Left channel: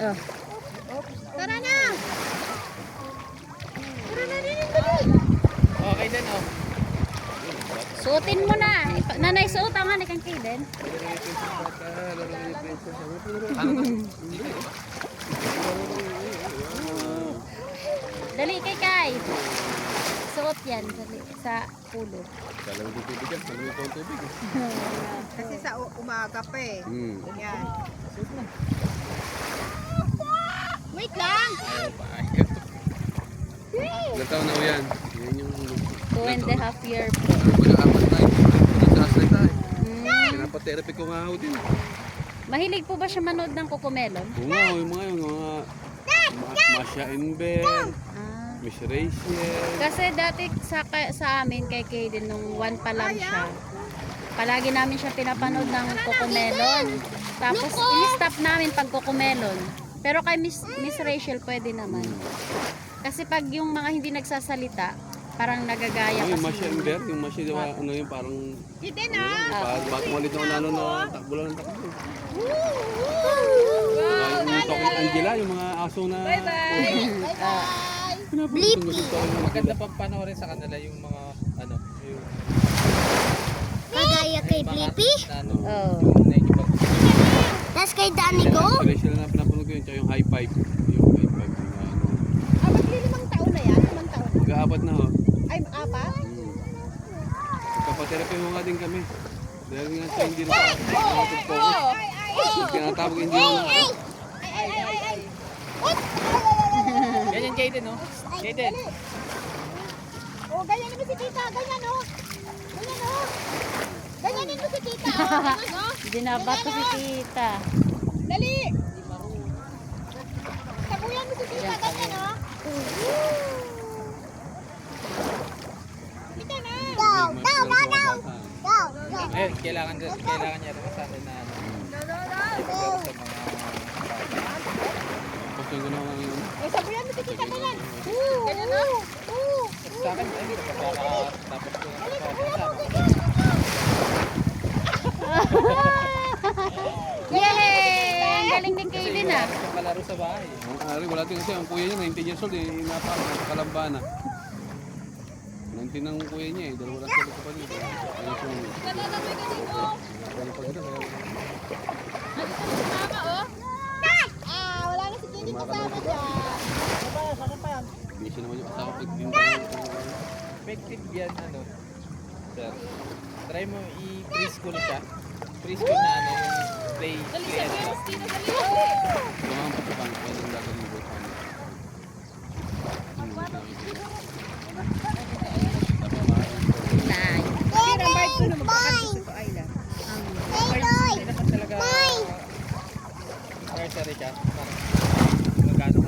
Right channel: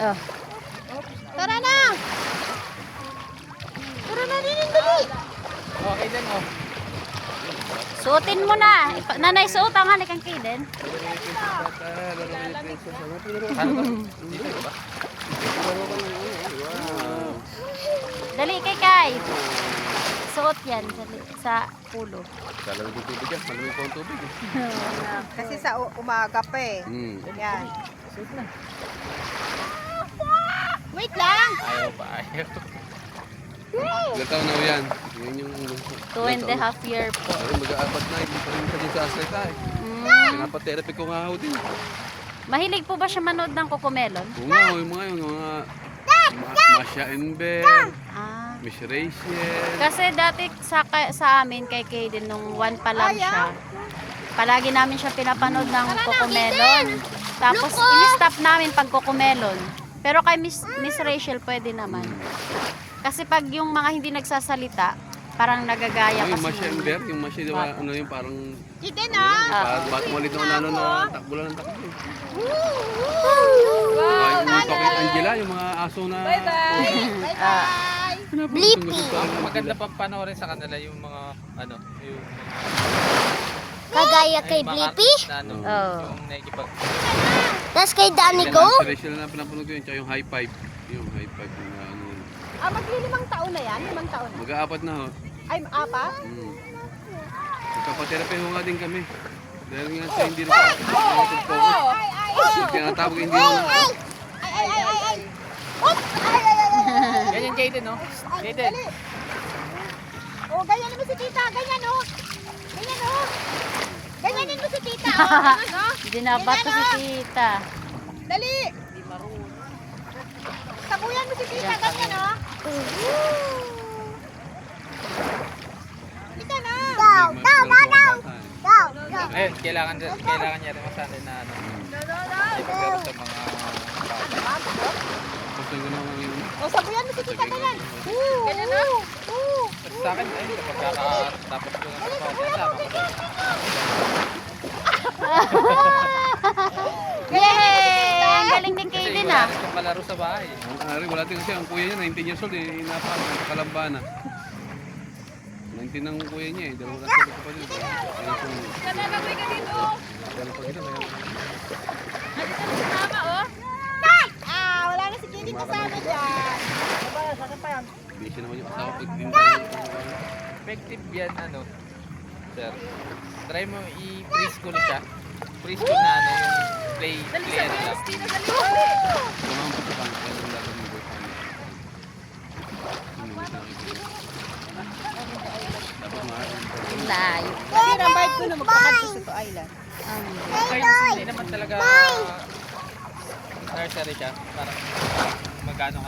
Oh. Tara na! Tara na rin, dali! Okay din oh. Suotin mo na. Nanay, suot ang hanik ang Kaden. Dito ba? Dali kay Kai. Suot yan sa pulo. Kala mo tubig yan. Kala mo yung tubig eh. Kasi sa umaga pa eh. Yan. Wait lang! Ayaw pa, ayaw. Ilan taon na yan? Yan yung... 2.5 year po. Napaterapi ko nga ako din. Mahilig po ba siya manood ng Cocomelon? Oo nga, yung mga Masha Enver, Ah. Miss Rachel. Kasi dati sa amin kay Kaden nung 1 pa lang siya. Palagi namin siya pinapanood ng Cocomelon. Tapos i-stop namin pag Cocomelon. Pero kay Miss Rachel pwede naman. Kasi pag yung mga hindi nagsasalita, parang nagagaya Yung kasi. Masha Enver, yung Masha, diba, ano yung parang... Ite na! Ba't malit na ano na takbo lang ng takbo. Wow! Yung mga Pakit Angela, yung mga aso na... Bye-bye! Bye-bye! Blippi! Maganda pang panoorin sa kanila yung mga ano, yung Kagaya kay mga Blippi. artist na ano, Oh. yung nakikipag Tapos kay Danny Go. Rachel na pinapanood ko yun, tsaka yung high five. Yung high five na ano. Magli-limang taon na yan? Limang taon? Mag-aapat na ho. Ay, apat? Nagpapaterapi mo nga din kami. Dahil nga sa hindi na sa focus. Pinatawag hindi na. Ay! ganyan Jaden no? Jaden. Oh, ganyanin mo si tita, ganyan oh. Ganyan oh. Ganyanin mo si tita oh. Ganyan oh. Dinabato si tita. Dali. Sabuyan mo si tita, ganyan oh. Tita na. Ayun, kailangan niya rin masanay na ano. Pero sa mga Kasi gano'n ang yun. Oh, sabuyan mo si tita, ganyan. Ganyan oh. at sa akin ayun kapag tapos ko ng kasama ko. Yay! Ang galing ni Kasi Kaden wala ah. rin siyang kalaro sa bahay. Ari, wala din kasi ang kuya niya, 19 years old, inapakan sa Kalambana. 19 ang kuya niya eh, dalawa lang sa pa din. Nananagoy ka dito. Dalawa pa dito, kaya... Ano sa si mama oh? Wala na si Jenny kasama dyan. Busy naman yung asawa ko, din Effective yan ano. Sir. Try mo i-preschool siya. Preschool na ano yung play yan lang. Mga pagkakang kaya yung laban ng buhay. Live. Pero ang bite ko na magkakabis ito island. Hindi naman talaga nursery siya. Parang magkano ka